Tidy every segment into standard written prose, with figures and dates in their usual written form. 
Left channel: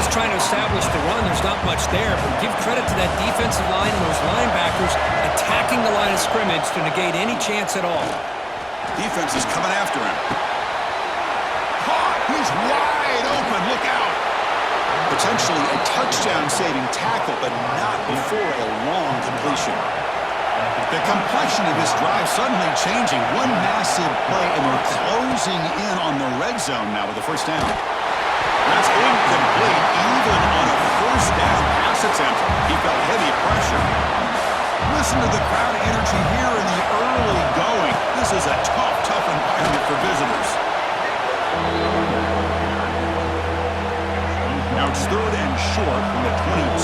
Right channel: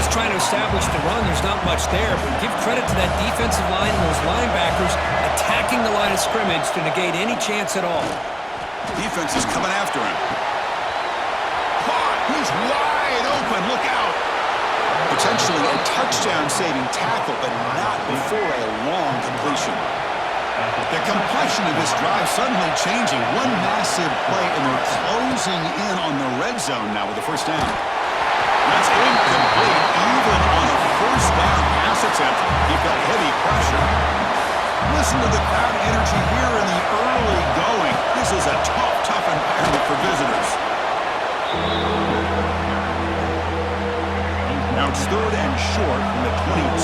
just trying to establish the run. There's not much there, but give credit to that defensive line and those linebackers attacking the line of scrimmage to negate any chance at all. Defense is coming after him. Caught! He's wide open. Look out! Potentially a touchdown-saving tackle, but not before a long completion. The complexion of this drive suddenly changing. One massive play, and they're closing in on the red zone now with the first down. That's incomplete, even on a first down pass attempt. He felt heavy pressure. Listen to the crowd energy here in the early going. This is a tough environment for visitors. Now it's 3rd and short from the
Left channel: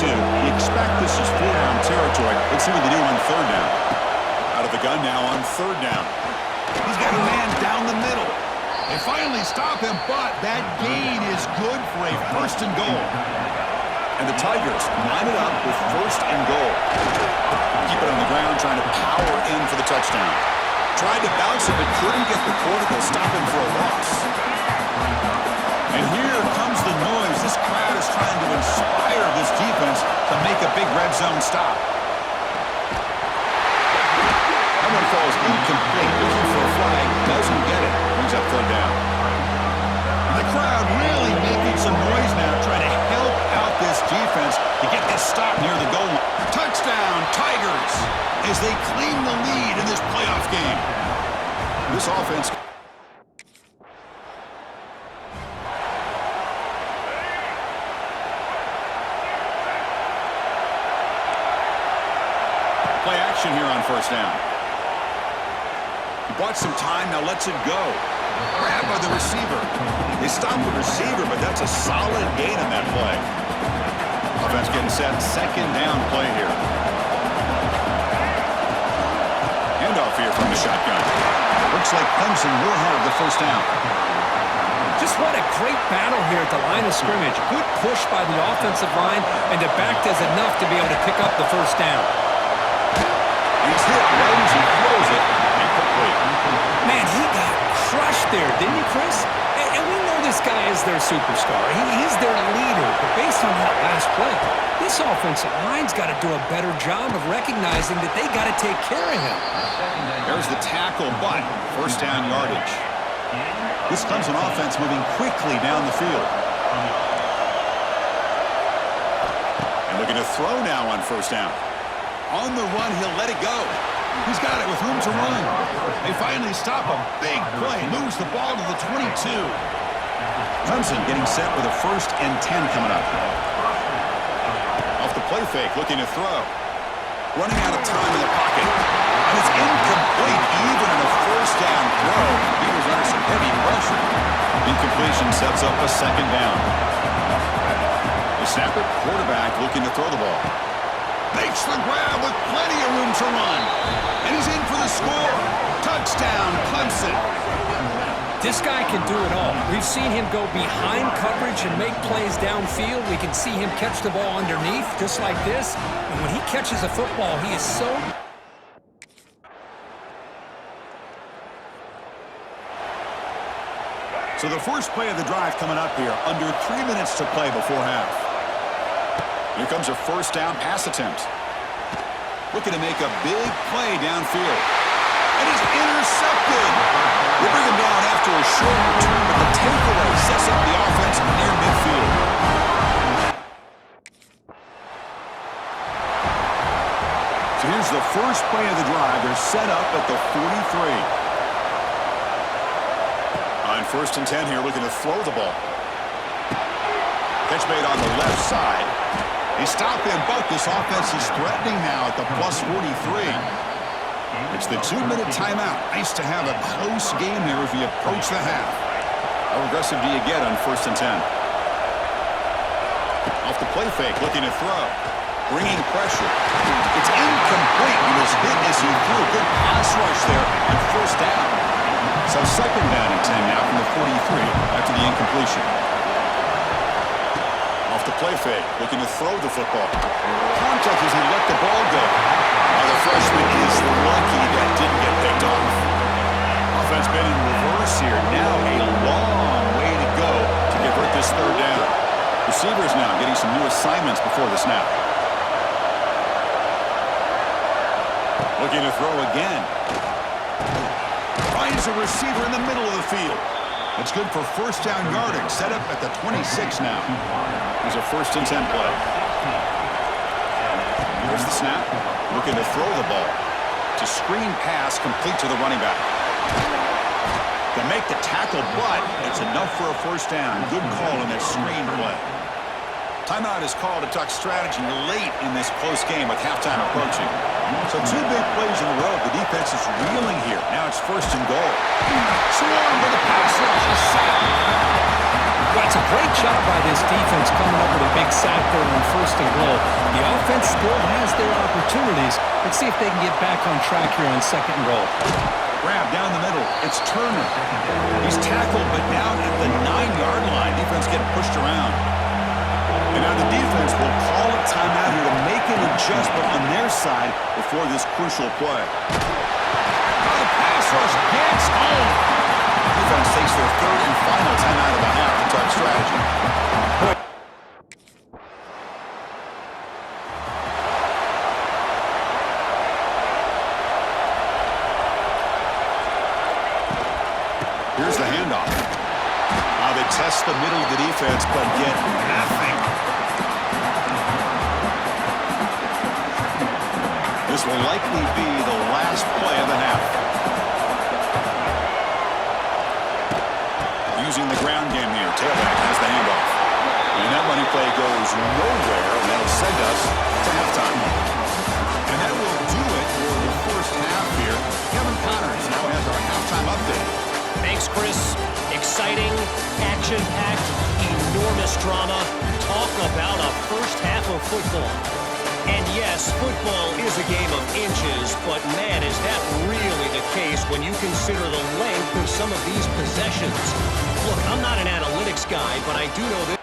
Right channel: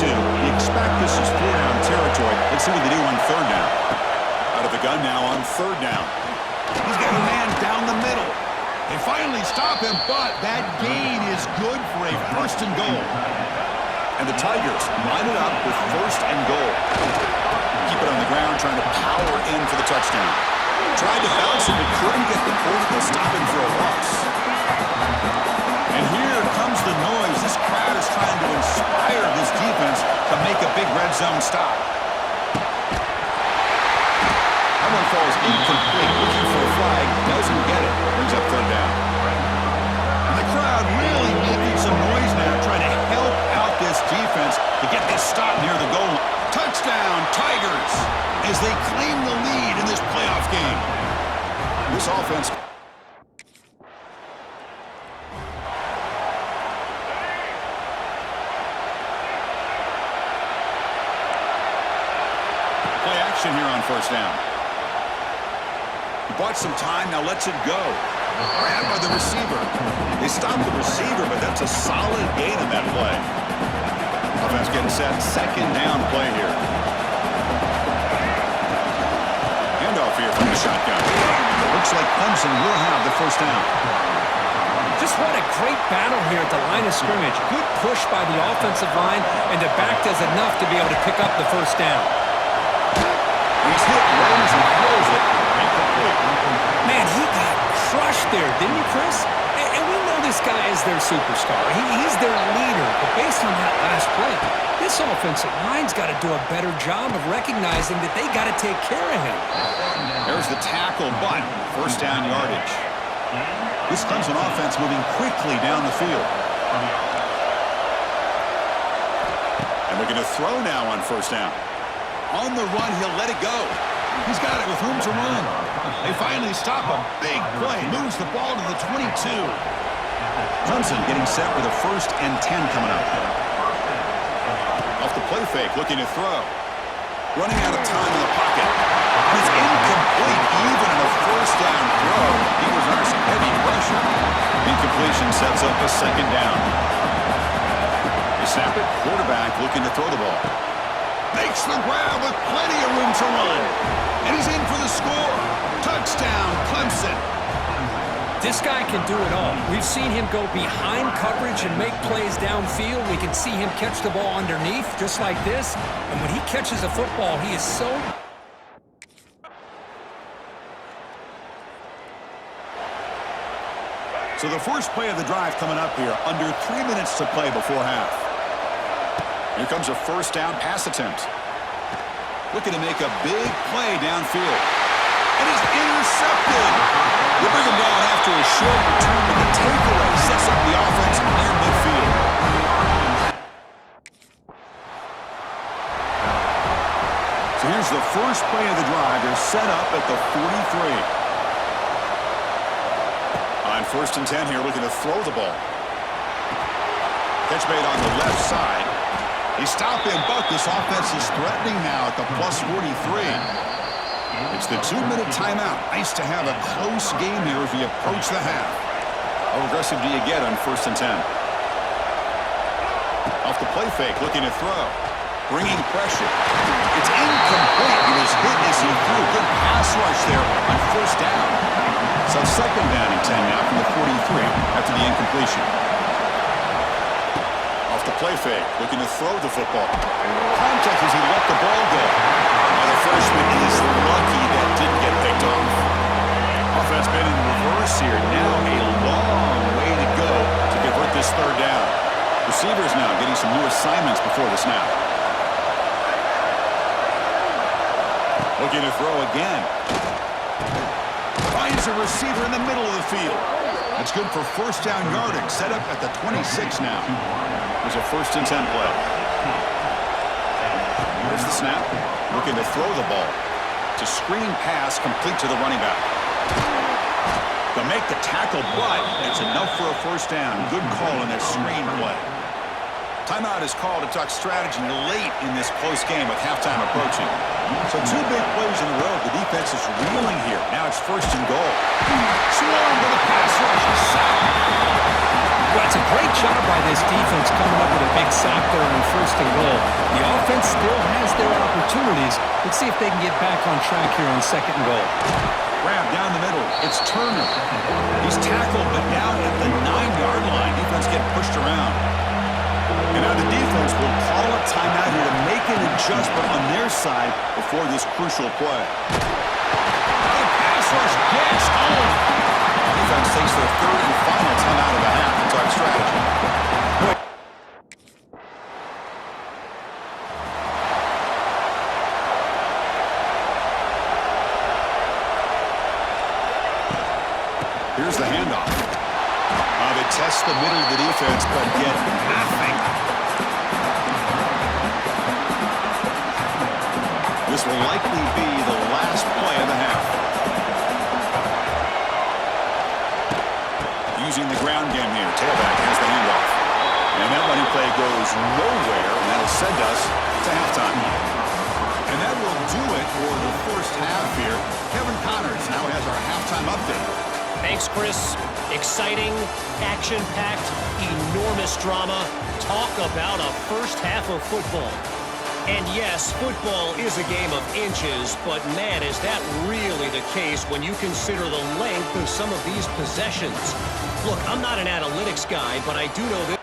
22. You expect this is 4-down territory. Let's see what they do on 3rd down. Out of the gun now on 3rd down. He's got a man down the middle. They finally stop him, but that gain is good for a 1st and goal. And the Tigers line it up with 1st and goal. Keep it on the ground, trying to power in for the touchdown. Tried to bounce it, but couldn't get the portico, stopping for a loss. And here comes the noise. This crowd is trying to inspire this defense to make a big red zone stop. That one falls incomplete. Looking for a flag. Doesn't get it. Brings up 3rd down. And the crowd really making some noise now, trying to help out this defense to get this stop near the goal line. Touchdown, Tigers, as they claim the lead in this playoff game. This offense... Play action here on 1st down. He bought some time, now lets it go. Grabbed by the receiver. They stopped the receiver, but that's a solid gain in that play. Offense getting set, 2nd down play here. Handoff here from the shotgun. Looks like Clemson will have the 1st down. Just what a great battle here at the line of scrimmage. Good push by the offensive line, and the back does enough to be able to pick up the 1st down. He's hit right as he throws it. Incomplete. Man, he got crushed there, didn't he, Chris? And we know this guy is their superstar. He's their leader. But based on that last play, this offensive line's got to do a better job of recognizing that they got to take care of him. There's the tackle, but 1st down yardage. This Clemson offense moving quickly down the field. And looking to throw now on 1st down. On the run, he'll let it go. He's got it with room to run. They finally stop a big play. Moves the ball to the 22. Clemson getting set with a 1st and 10 coming up. Off the play fake, looking to throw. Running out of time in the pocket. And it's incomplete, even in a 1st down throw. He was under some heavy pressure. Incompletion sets up a 2nd down. They snap it. Quarterback looking to throw the ball. Makes the grab with plenty of room to run. And he's in for the score. Touchdown, Clemson. This guy can do it all. We've seen him go behind coverage and make plays downfield. We can see him catch the ball underneath, just like this. And when he catches a football, he is so... So the first play of the drive coming up here. Under 3 minutes to play before half. Here comes a 1st down pass attempt. Looking to make a big play downfield. And it's intercepted. They bring him down after a short return, but the takeaway sets up the offense near midfield. So here's the first play of the drive. They're set up at the 43. On 1st and 10 here, looking to throw the ball. Catch made on the left side. They stop him, but this offense is threatening now at the plus 43. It's the 2-minute timeout. Nice to have a close game here as we approach the half. How aggressive do you get on 1st and 10? Off the play fake, looking to throw. Bringing pressure. It's incomplete. He was hit as he threw. Good pass rush there on 1st down. So 2nd down and 10 now from the 43 after the incompletion. Off the play fake, looking to throw the football. Contact as he let the ball go. The freshman is lucky that didn't get picked off. Offense been in reverse here. Now a long way to go to convert this 3rd down. Receivers now getting some new assignments before the snap. Looking to throw again. Finds a receiver in the middle of the field. That's good for first down yardage. Set up at the 26 now. There's a 1st and 10 play. Here's the snap. Looking to throw the ball. It's a screen pass complete to the running back. They'll make the tackle, but it's enough for a first down. Good call in that screen play. Timeout is called to talk strategy late in this close game with halftime approaching. So 2 big plays in a row. The defense is reeling here. Now it's 1st and goal. Swarmed with a pass rush. A sack. Well, it's a great job by this defense coming up with a big sack there on 1st and goal. The offense still has their opportunities. Let's see if they can get back on track here on 2nd and goal. Grab down the middle. It's Turner. He's tackled, but down at the 9-yard line. Defense getting pushed around. And now the defense will call a timeout here to make an adjustment on their side before this crucial play. Now the pass rush gets home. Defense takes their 3rd and final timeout of the half to talk strategy. Here's the handoff. They test the middle of the defense, but get nothing. This will likely be the last play of the half. Using the ground game here. Tailback has the handoff. And that running play goes nowhere, and that'll send us to halftime. And that will do it for the first half here. Kevin Connors now has our halftime update. Thanks, Chris. Exciting, action-packed, enormous drama. Talk about a first half of football. And yes, football is a game of inches, but man, is that really the case when you consider the length of some of these possessions. Look, I'm not an analytics guy, but I do know this.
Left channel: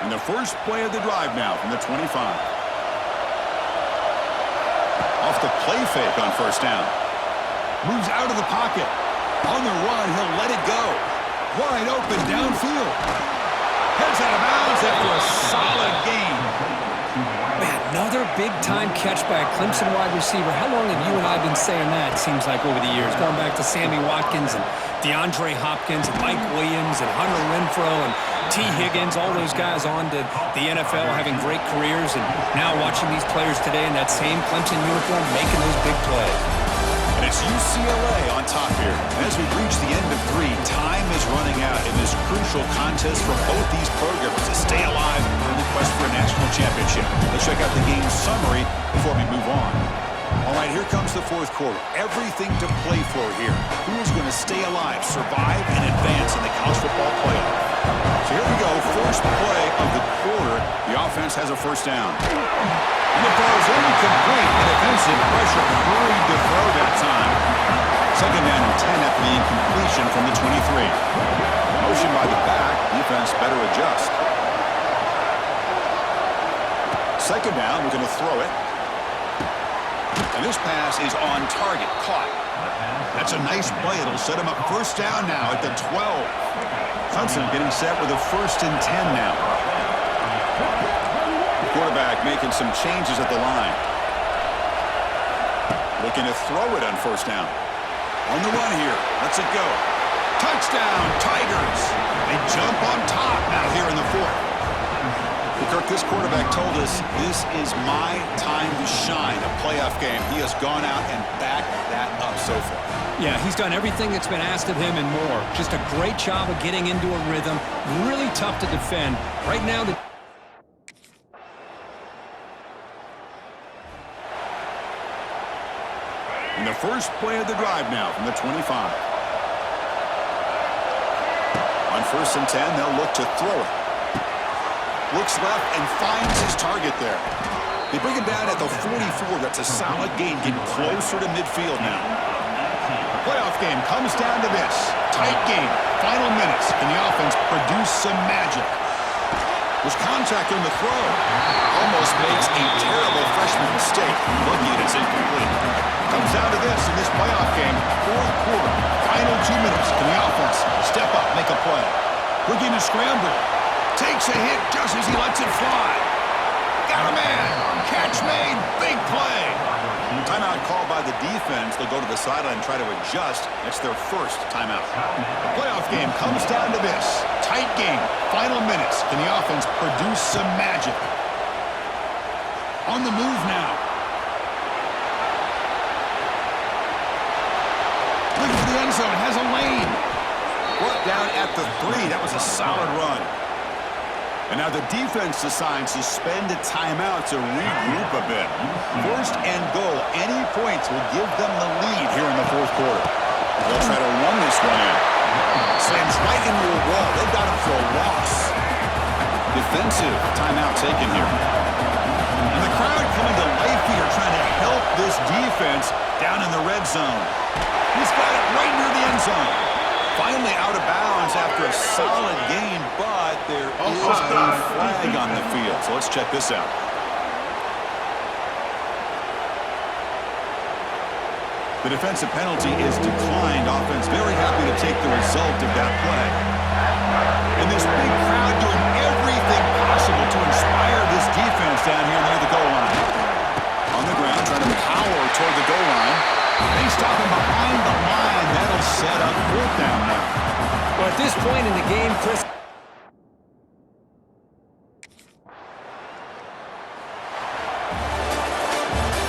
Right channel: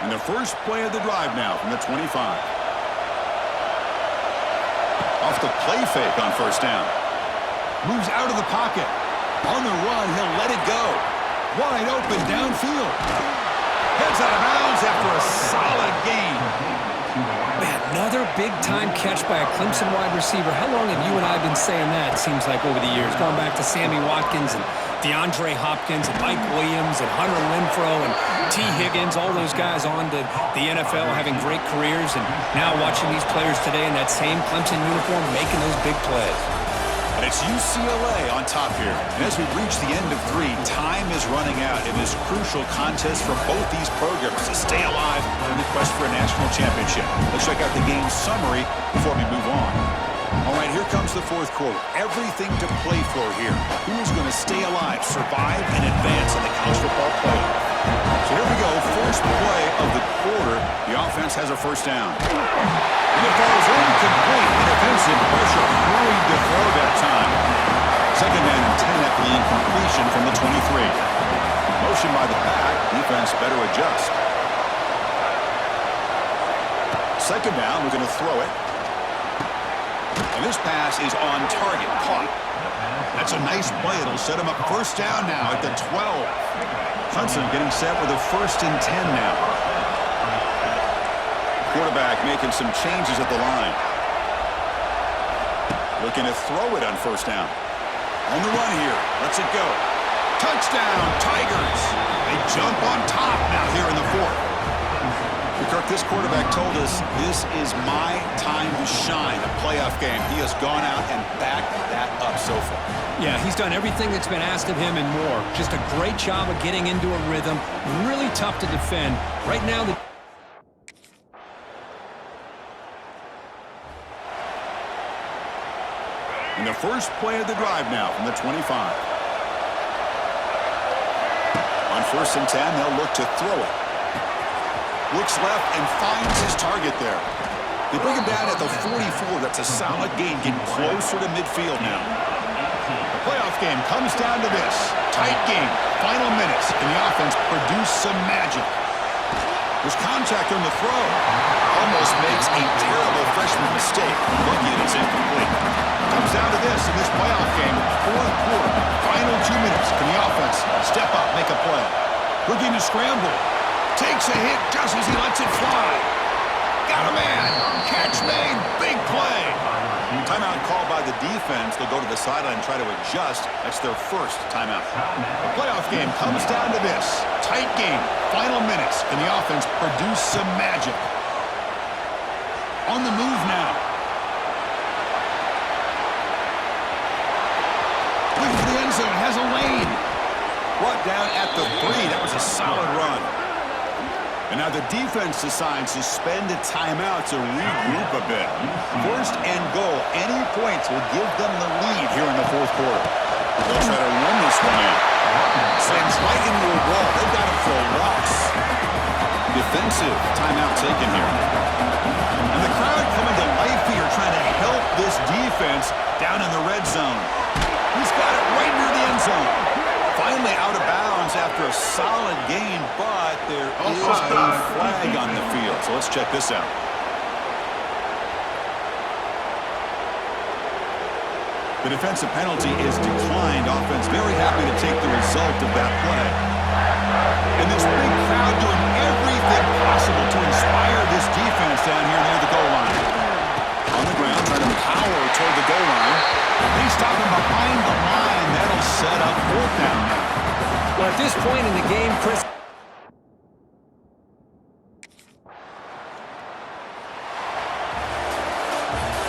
And the first play of the drive now from the 25. Off the play fake on 1st down. Moves out of the pocket. On the run, he'll let it go. Wide open downfield. Heads out of bounds after a solid gain. Man, another big-time catch by a Clemson wide receiver. How long have you and I been saying that, it seems like, over the years? Going back to Sammy Watkins and DeAndre Hopkins and Mike Williams and Hunter Renfrow and T. Higgins, all those guys on to the NFL having great careers, and now watching these players today in that same Clemson uniform making those big plays. And it's UCLA on top here. And as we reach the end of 3, time is running out in this crucial contest for both these programs to stay alive in the quest for a national championship. Let's check out the game summary before we move on. All right, here comes the 4th quarter. Everything to play for here. Who is going to stay alive, survive, and advance in the college football playoff? So here we go. First play of the quarter. The offense has a 1st down. And it falls incomplete. The defensive pressure hurried to throw that time. 2nd down and 10 after the incompletion from the 23. Motion by the back. Defense better adjust. 2nd down. We're going to throw it. And this pass is on target. Caught. That's a nice play. It'll set him up 1st down now at the 12. Clemson getting set with a 1st and 10 now. Quarterback making some changes at the line. Looking to throw it on 1st down. On the run here. Lets it go. Touchdown, Tigers. They jump on top now here in the 4th. Kirk, this quarterback told us this is my time to shine, a playoff game. He has gone out and backed that up so far. Yeah, he's done everything that's been asked of him and more. Just a great job of getting into a rhythm. Really tough to defend. Right now, in the first play of the drive now from the 25. On 1st and 10, they'll look to throw it. Looks left and finds his target there. They bring him down at the 44. That's a solid gain, getting closer to midfield now. The playoff game comes down to this. Tight game, final minutes, and the offense produce some magic. There's contact on the throw. Almost makes a terrible freshman mistake. Lucky that it's incomplete. Comes down to this in this playoff game. Fourth quarter. Final 2 minutes. Can the offense step up, make a play? Looking to scramble. Takes a hit just as he lets it fly. Got a man. Catch made. Big play. Timeout called by the defense. They'll go to the sideline and try to adjust. That's their first timeout. The playoff game comes down to this. Tight game. Final minutes. Can the offense produce some magic? On the move now. Looking for the end zone. Has a lane. Brought down at the 3. That was a solid run. And now the defense decides to spend a timeout to regroup a bit. First and goal. Any points will give them the lead here in the fourth quarter. They'll try to run this one in. Slams right into a wall. They've got him for a loss. Defensive timeout taken here. And the crowd coming to life here trying to help this defense down in the red zone. He's got it right near the end zone. Finally out of bounds after a solid gain, but there is a flag on the field. So let's check this out. The defensive penalty is declined. Offense very happy to take the result of that play. And this big crowd doing everything possible to inspire this defense down here near the goal line. On the ground, trying to power toward the goal line. They stop him behind the line. That'll set up fourth down now. Well, at this point in the game, Chris...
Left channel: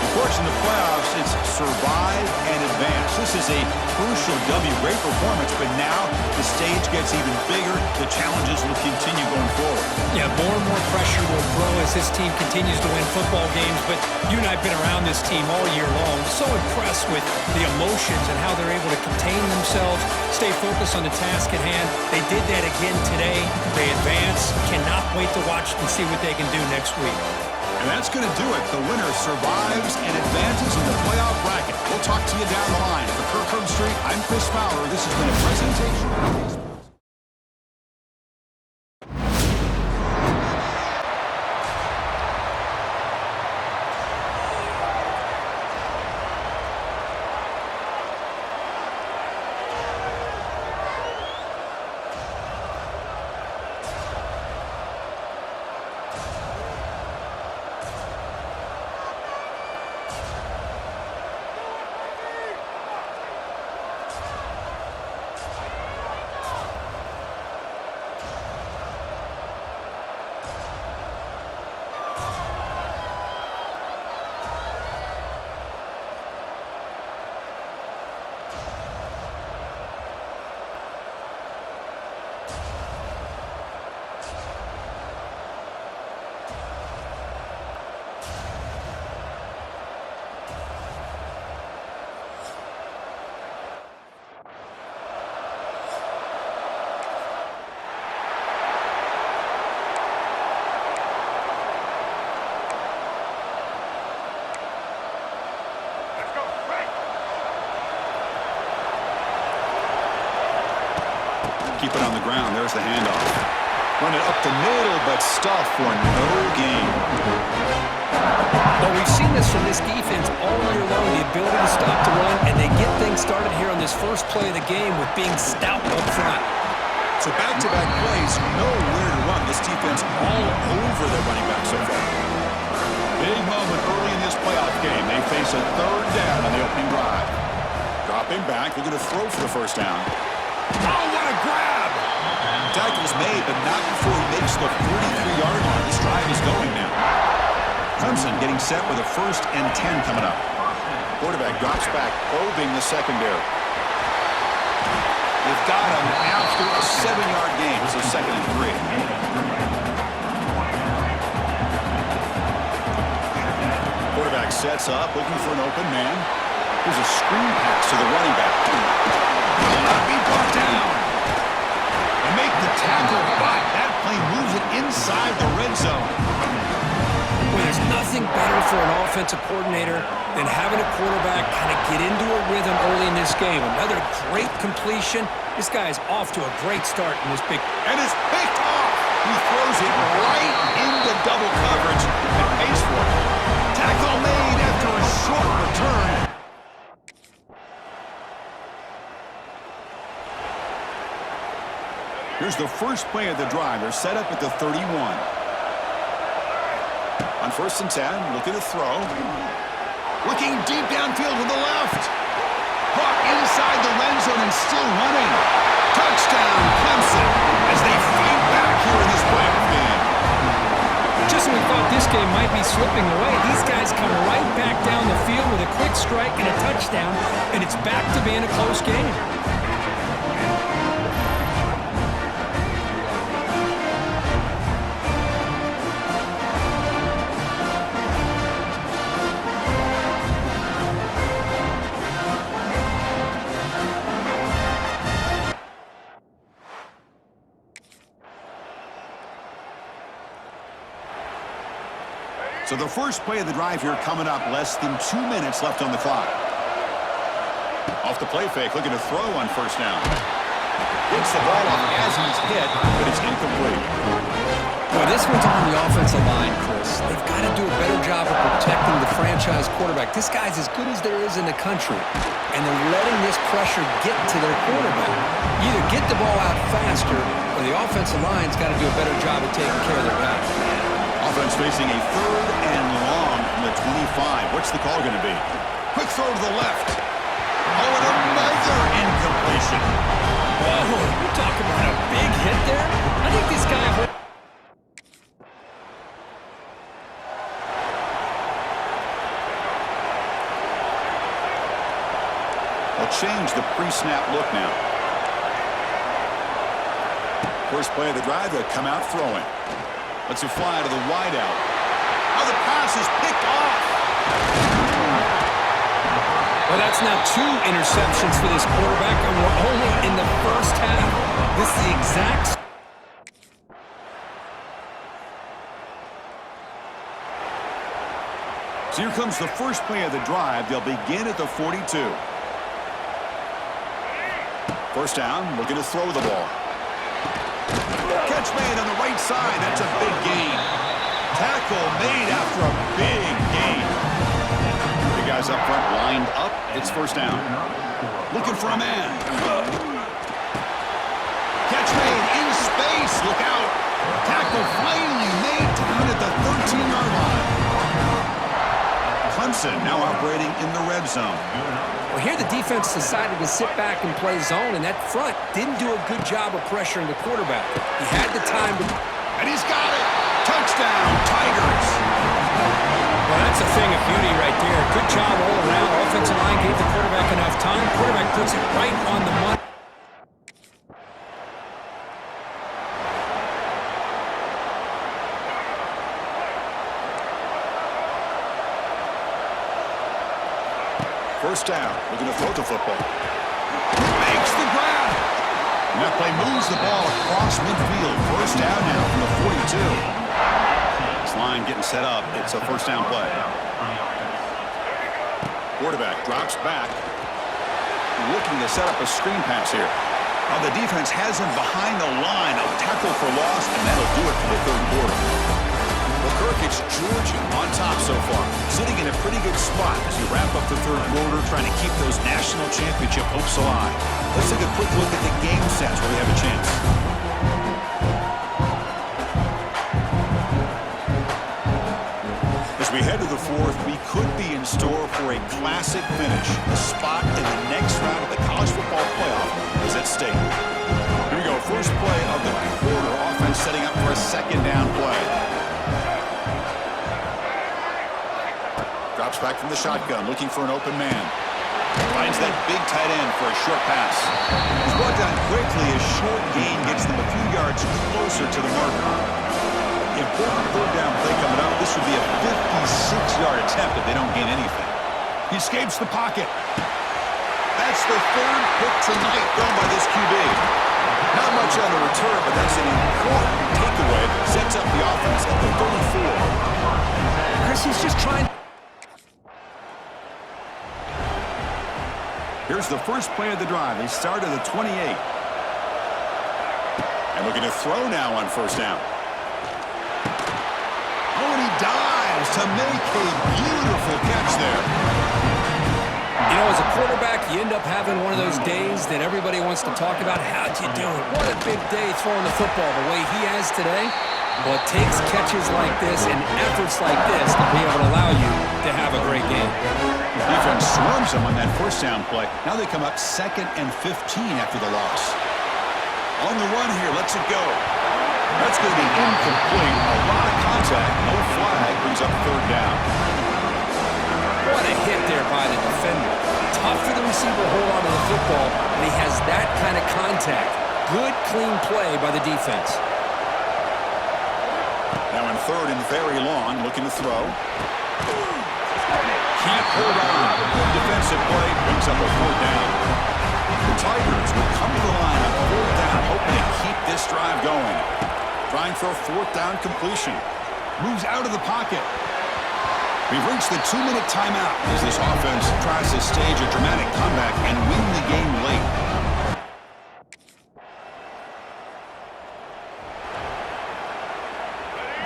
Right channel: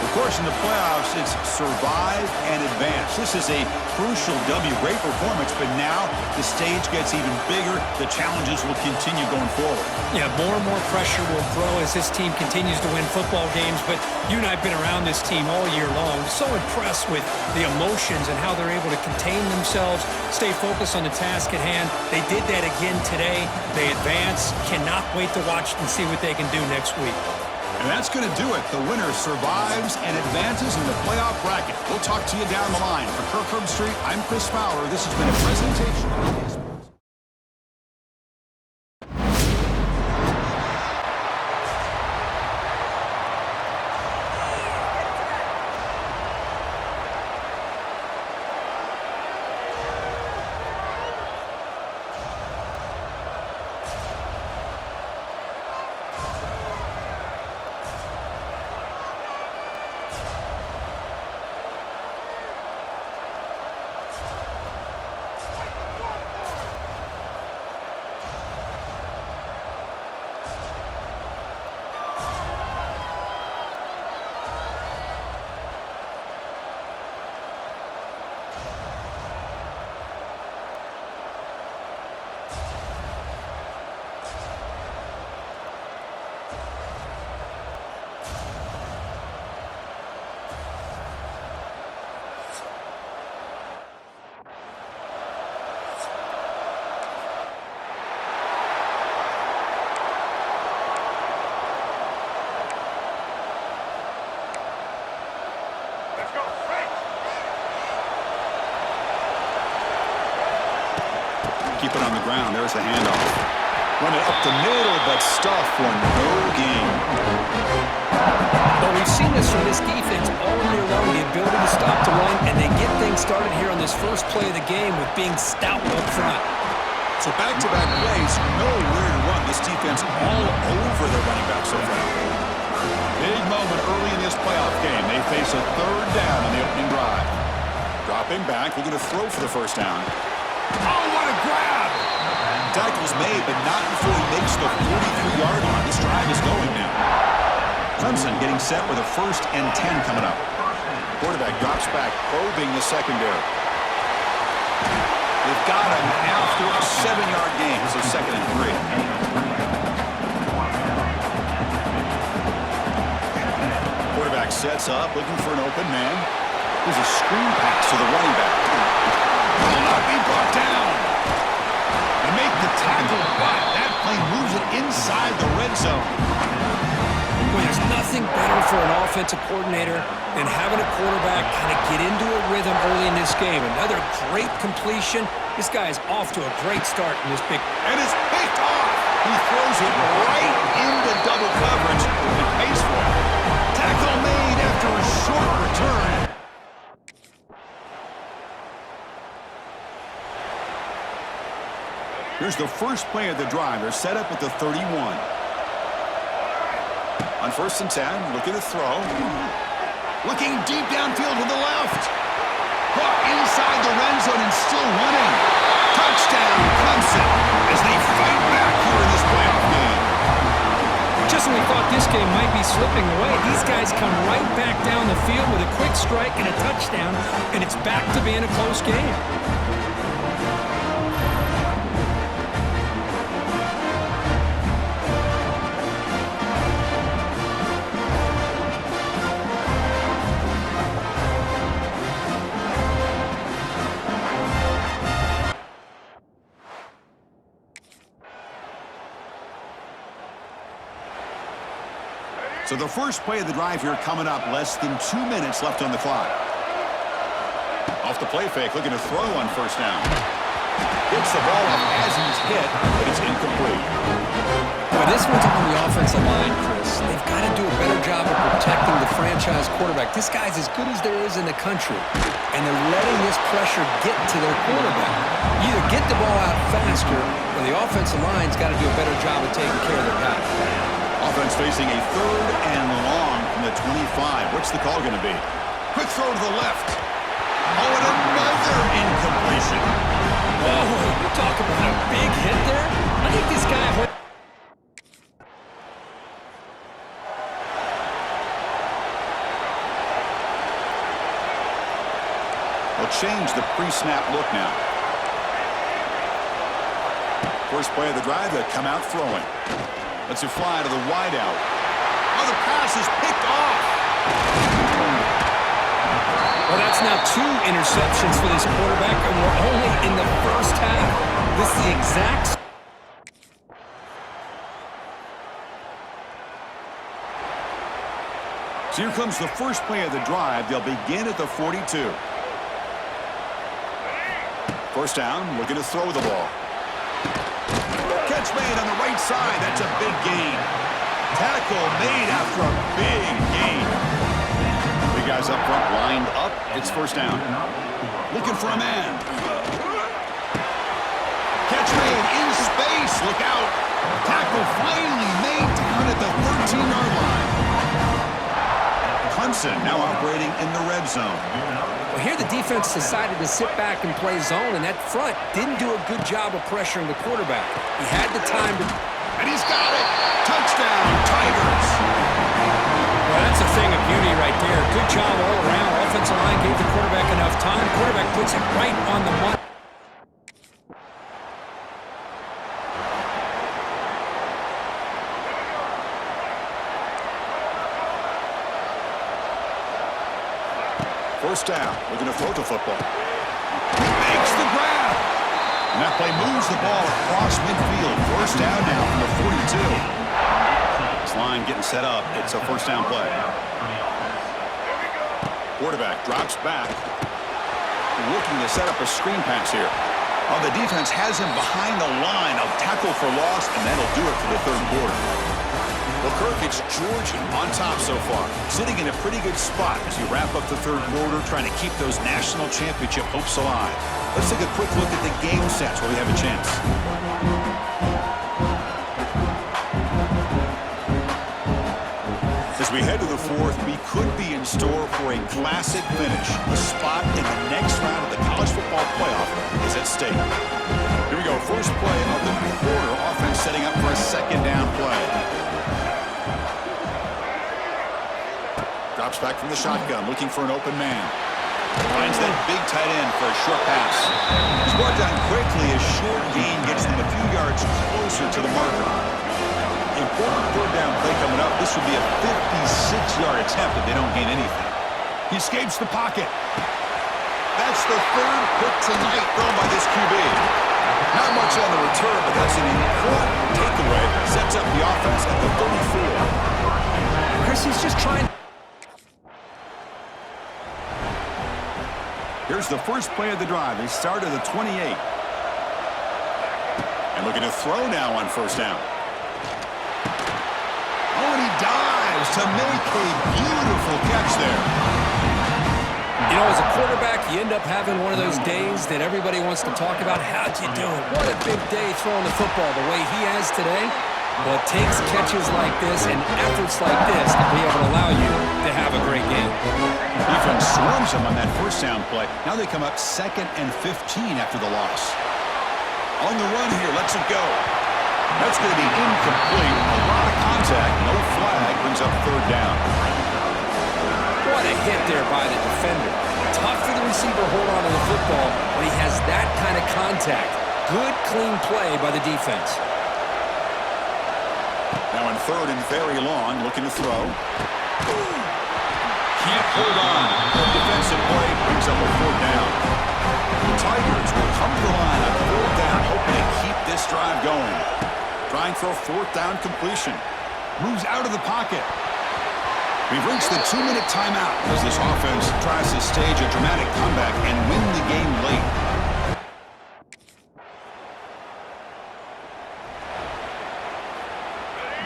Of course, in the playoffs, it's survive and advance. This is a crucial W. Great performance, but now the stage gets even bigger. The challenges will continue going forward. Yeah, more and more pressure will grow as this team continues to win football games, but you and I have been around this team all year long. So impressed with the emotions and how they're able to contain themselves, stay focused on the task at hand. They did that again today. They advance. Cannot wait to watch and see what they can do next week. And that's going to do it. The winner survives and advances in the playoff bracket. We'll talk to you down the line. For Kirk Herbstreit, I'm Chris Fowler. This has been a presentation of baseball. Keep it on the ground. There's the handoff. Run it up the middle, but stuff for no gain. But we've seen this from this defense all year long, the ability to stop the run, and they get things started here on this first play of the game with being stout up front. So back-to-back plays, nowhere to run. This defense all over their running back so far. Big moment early in this playoff game. They face a third down on the opening drive. Dropping back, looking to throw for the first down. Oh, what a grab! Tackle's made, but not before he makes the 43-yard line. This drive is going now. Clemson getting set with a 1st and 10 coming up. Quarterback drops back, probing the secondary. They've got him after a 7-yard gain, so 2nd and 3. Quarterback sets up, looking for an open man. Here's a screen pass to the running back. Will not be brought down. They make the tackle, but that play moves it inside the red zone. Boy, there's nothing better for an offensive coordinator than having a quarterback kind of get into a rhythm early in this game. Another great completion, This guy is off to a great start in this big... And it's picked off. He throws it right into double coverage and pays for it. Tackle made after a short return. Here's the first play of the drive. They're set up at the 31. On 1st and 10, looking to throw. Looking deep downfield to the left. Caught inside the red zone and still running. Touchdown, Clemson, as they fight back here in this playoff game. Just when we thought this game might be slipping away, these guys come right back down the field with a quick strike and a touchdown, and it's back to being a close game. So the first play of the drive here coming up, less than 2 minutes left on the clock. Off the play fake, looking to throw on 1st down. Gets the ball off as he's hit, but it's incomplete. Boy, this one's on the offensive line, Chris. They've got to do a better job of protecting the franchise quarterback. This guy's as good as there is in the country, and they're letting this pressure get to their quarterback. Either get the ball out faster, or the offensive line's got to do a better job of taking care of their guy. Offense facing a 3rd and long from the 25. What's the call going to be? Quick throw to the left. Oh, and another incompletion. Whoa, you talk about a big hit there? I think this guy... They'll change the pre-snap look now. First play of the drive, they'll come out throwing. Lets it fly to the wideout. Oh, the pass is picked off. Well, that's now 2 interceptions for this quarterback, and we're only in the first half. This is the exact... So here comes the first play of the drive. They'll begin at the 42. 1st down, looking to throw the ball. Catch made on the right side. That's a big gain. Tackle made after a big gain. Big guys up front lined up. It's 1st down. Looking for a man. Catch made in space. Look out. Tackle finally made down at the 13-yard line. Clemson now operating in the red zone. Well, here the defense decided to sit back and play zone, and that front didn't do a good job of pressuring the quarterback. He had the time to... And he's got it! Touchdown, Tigers! Well, that's a thing of beauty right there. Good job all around. Offensive line gave the quarterback enough time. Quarterback puts it right on the money. First down, looking to throw the football. Makes the grab. And that play moves the ball across midfield. First down now from the 42. This line getting set up. It's a 1st down play. Quarterback drops back. Looking to set up a screen pass here. Oh, the defense has him behind the line. A tackle for loss, and that'll do it for the 3rd quarter. Well, Kirk, it's Georgia on top so far, sitting in a pretty good spot as you wrap up the 3rd quarter, trying to keep those national championship hopes alive. Let's take a quick look at the game sets where we have a chance. As we head to the 4th, we could be in store for a classic finish. A spot in the next round of the college football playoff is at stake. Here we go, first play of the quarter. Offense setting up for a 2nd down play. Drops back from the shotgun, looking for an open man. Finds that big tight end for a short pass. He's brought down quickly. A short gain gets them a few yards closer to the marker. Important 3rd down play coming up. This would be a 56-yard attempt if they don't gain anything. He escapes the pocket. That's the 3rd pick tonight thrown by this QB. Not much on the return, but that's an important takeaway. Sets up the offense at the 34. Chris, he's just trying... Here's the first play of the drive. They start at the 28. And looking to throw now on first down. Oh, and he dives to make a beautiful catch there. You know, as a quarterback, you end up having one of those days that everybody wants to talk about. How'd you do it? What a big day throwing the football the way he has today. Well, it takes catches like this and efforts like this to be able to allow you to have a great game. Defense swarms him on that first down play. Now they come up 2nd and 15 after the loss. On the run here, lets it go. That's going to be incomplete. A lot of contact, no flag, brings up 3rd down. What a hit there by the defender. Tough for the receiver to hold on to the football when he has that kind of contact. Good, clean play by the defense. Now in 3rd and very long, looking to throw. Can't hold on. Defensive play brings up a 4th down. The Tigers will come to the line on 4th down, hoping to keep this drive going. Trying for a 4th down completion. Moves out of the pocket. We've reached the 2-minute timeout as this offense tries to stage a dramatic comeback and win the game late.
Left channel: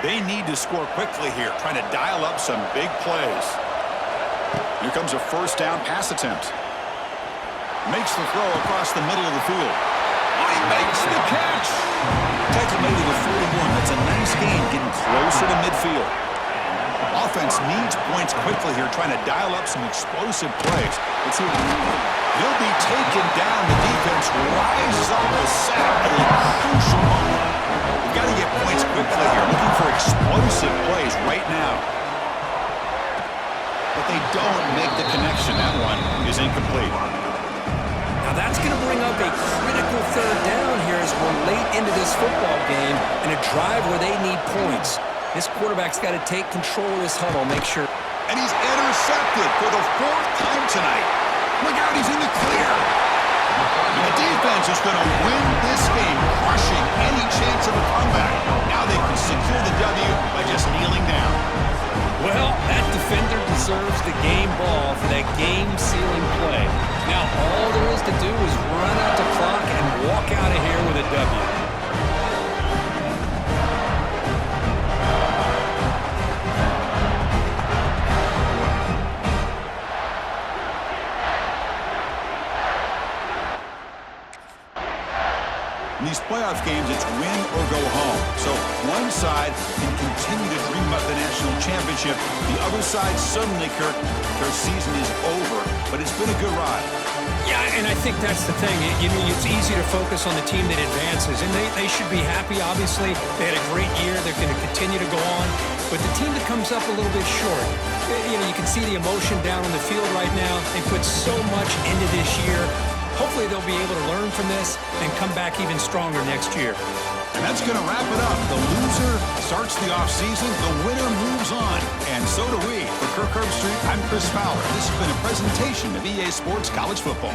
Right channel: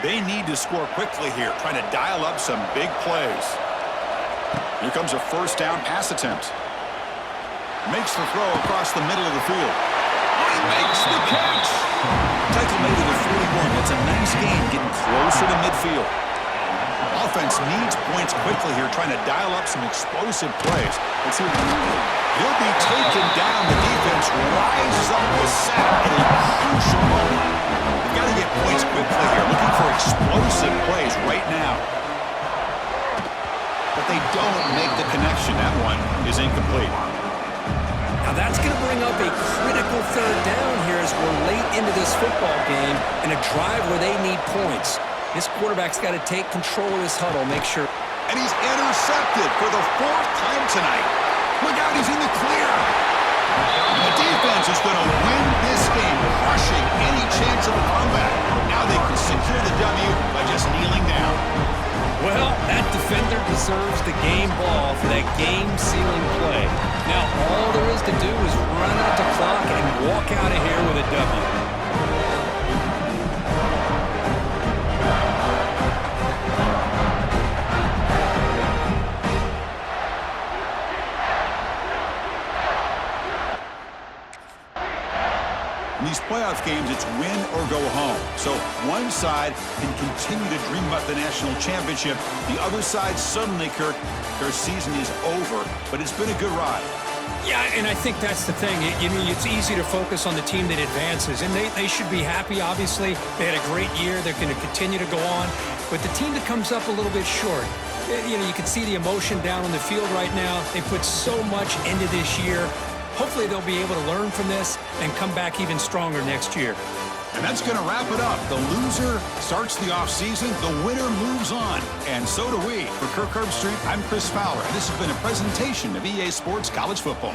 They need to score quickly here, trying to dial up some big plays. Here comes a first down pass attempt. Makes the throw across the middle of the field. Oh, he makes the catch! Tackle made to the 41. That's a nice gain, getting closer to midfield. Offense needs points quickly here, trying to dial up some explosive plays. Let's see what he'll be taken down. The defense rises up with a sack at a crucial moment. We've got to get points quickly here, looking for explosive plays right now. But they don't make the connection. That one is incomplete. Now that's going to bring up a critical 3rd down here as we're late into this football game in a drive where they need points. This quarterback's got to take control of this huddle, make sure. And he's intercepted for the 4th time tonight. Look out, he's in the clear. And the defense is going to win this game, crushing any chance of a comeback. Now they can secure the W by just kneeling down. Well, that defender deserves the game ball for that game-sealing play. Now all there is to do is run out the clock and walk out of here with a W. In these playoff games, it's win or go home. So one side can continue to dream about the national championship. The other side, suddenly, Kirk, their season is over. But it's been a good ride. Yeah, and I think that's the thing. You know, it's easy to focus on the team that advances, and they should be happy, obviously. They had a great year. They're going to continue to go on. But the team that comes up a little bit short, you know, you can see the emotion down on the field right now. They put so much into this year. Hopefully they'll be able to learn from this and come back even stronger next year. And that's going to wrap it up. The loser starts the offseason. The winner moves on. And so do we. For Kirk Herbstreit, I'm Chris Fowler. This has been a presentation of EA Sports College Football.